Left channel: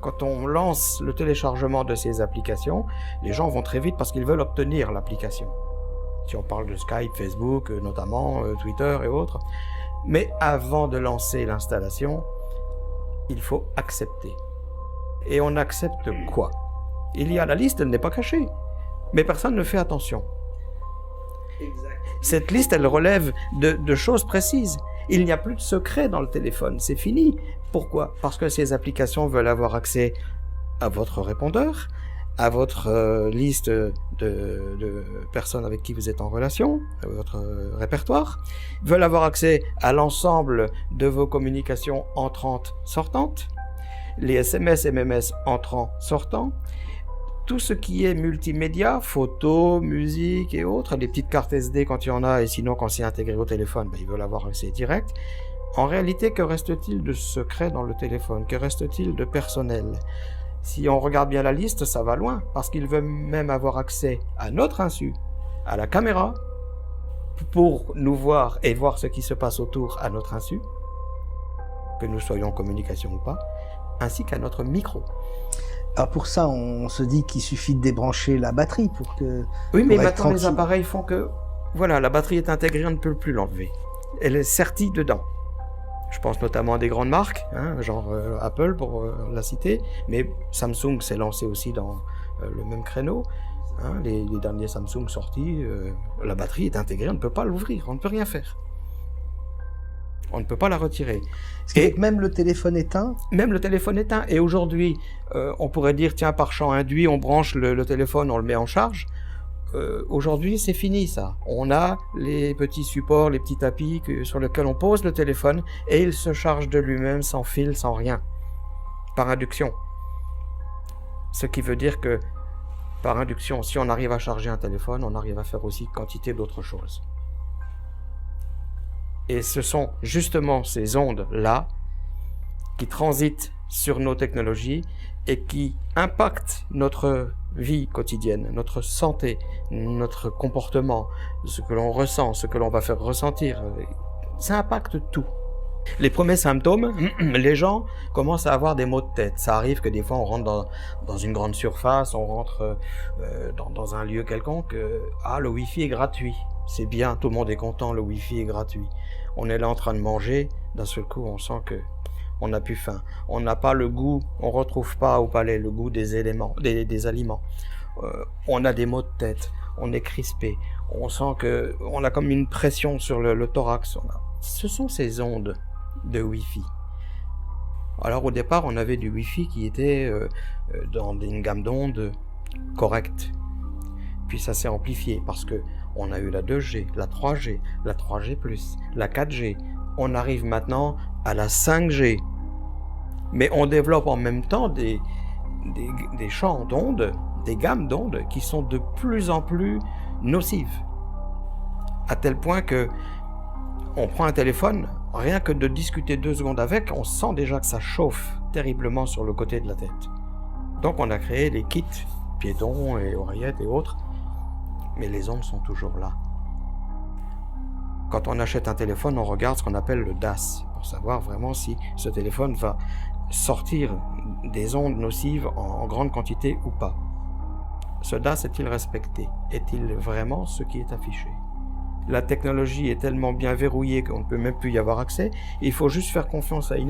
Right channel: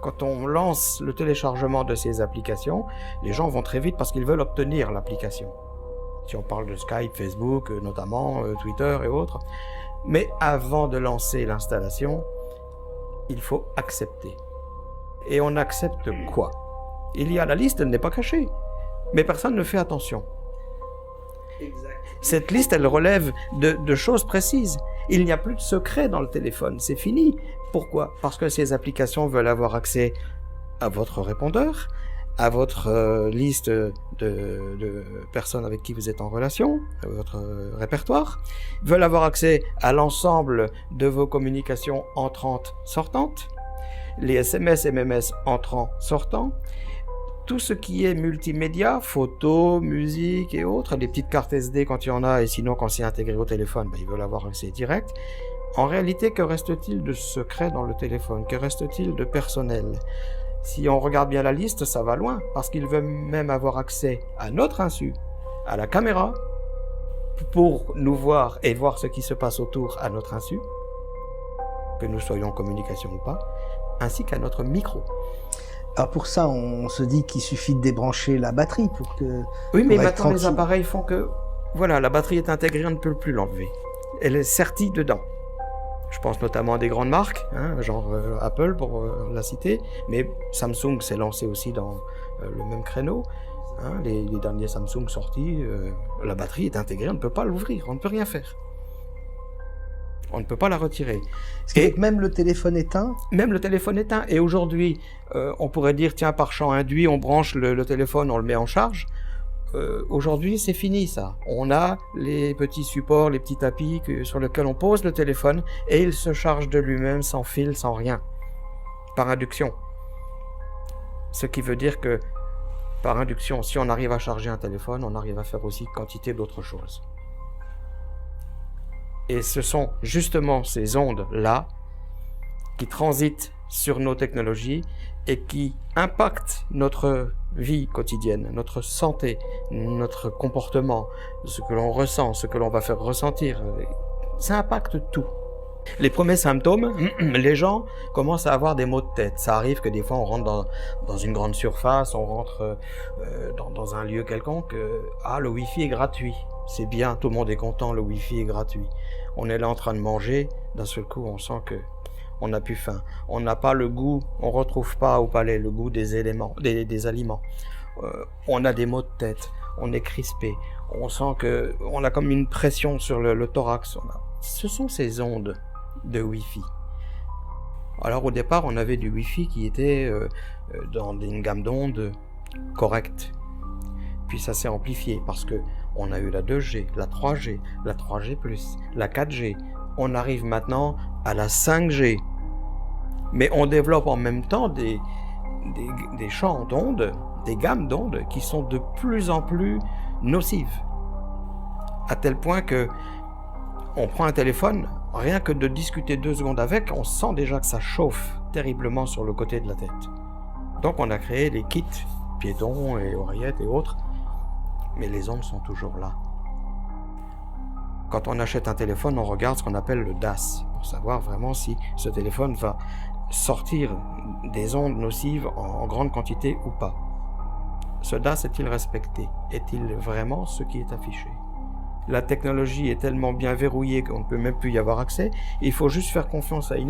Quand on lance le téléchargement de ces applications, les gens vont très vite parce qu'ils veulent obtenir l'application. Si on parle de Skype, Facebook, notamment, Twitter et autres. Mais avant de lancer l'installation, il faut accepter. Et on accepte quoi? Il y a la liste, elle n'est pas cachée, mais personne ne fait attention. Exact. Cette liste, elle relève de choses précises. Il n'y a plus de secret dans le téléphone, c'est fini. Pourquoi? Parce que ces applications veulent avoir accès à votre répondeur, à votre liste de personnes avec qui vous êtes en relation, à votre répertoire, veulent avoir accès à l'ensemble de vos communications entrantes, sortantes, les SMS, MMS entrants, sortants, tout ce qui est multimédia, photos, musique et autres, les petites cartes SD quand il y en a, et sinon quand c'est intégré au téléphone, ils veulent avoir accès direct. En réalité, que reste-t-il de secret dans le téléphone? Que reste-t-il de personnel? Si on regarde bien la liste, ça va loin, parce qu'ils veulent même avoir accès à notre insu, à la caméra, pour nous voir et voir ce qui se passe autour à notre insu, que nous soyons en communication ou pas, ainsi qu'à notre micro. Alors pour ça, on se dit qu'il suffit de débrancher la batterie pour que... Oui, mais maintenant les appareils font que... Voilà, la batterie est intégrée, on ne peut plus l'enlever. Elle est sertie dedans. Je pense notamment à des grandes marques, genre Apple pour la citer, mais Samsung s'est lancé aussi dans le même créneau. Les derniers Samsung sortis, la batterie est intégrée, on ne peut pas l'ouvrir, on ne peut rien faire. On ne peut pas la retirer. Et même le téléphone éteint? Même le téléphone éteint. Et aujourd'hui, on pourrait dire, tiens, par champ induit, on branche le téléphone, on le met en charge. Aujourd'hui, c'est fini ça. On a les petits supports, les petits tapis sur lesquels on pose le téléphone et il se charge de lui-même sans fil, sans rien. Par induction. Ce qui veut dire que, par induction, si on arrive à charger un téléphone, on arrive à faire aussi quantité d'autres choses. Et ce sont justement ces ondes-là qui transitent sur nos technologies et qui impactent notre vie quotidienne, notre santé, notre comportement, ce que l'on ressent, ce que l'on va faire ressentir. Ça impacte tout. Les premiers symptômes, les gens commencent à avoir des maux de tête. Ça arrive que des fois on rentre dans une grande surface, on rentre dans un lieu quelconque. Le Wi-Fi est gratuit. C'est bien, tout le monde est content, le Wi-Fi est gratuit. On est là en train de manger, d'un seul coup on sent que on n'a plus faim. On n'a pas le goût, on retrouve pas au palais le goût des éléments, des aliments. On a des maux de tête, on est crispé, on sent que on a comme une pression sur le thorax. Ce sont ces ondes de Wi-Fi. Alors au départ, on avait du Wi-Fi qui était dans une gamme d'ondes correcte. Puis ça s'est amplifié parce que on a eu la 2G, la 3G, la 3G+, la 4G. On arrive maintenant à la 5G. Mais on développe en même temps des champs d'ondes, des gammes d'ondes qui sont de plus en plus nocives. À tel point que on prend un téléphone, rien que de discuter 2 secondes avec, on sent déjà que ça chauffe terriblement sur le côté de la tête. Donc on a créé les kits piétons et oreillettes et autres, mais les ondes sont toujours là. Quand on achète un téléphone, on regarde ce qu'on appelle le DAS, pour savoir vraiment si ce téléphone va sortir des ondes nocives en grande quantité ou pas. Ce DAS est-il respecté? Est-il vraiment ce qui est affiché? La technologie est tellement bien verrouillée qu'on ne peut même plus y avoir accès. Il faut juste faire confiance à une